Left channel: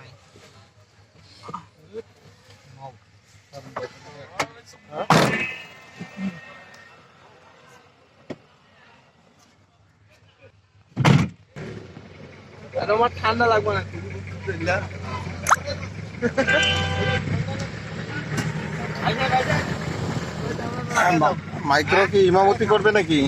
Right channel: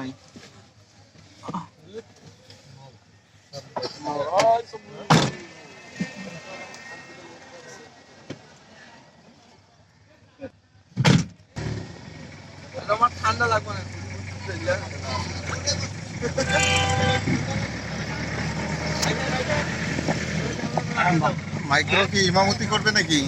নেই। আমার ঠান্ডা লাগবে না। মাইক্রো কি ইমামতি করবে নাকি?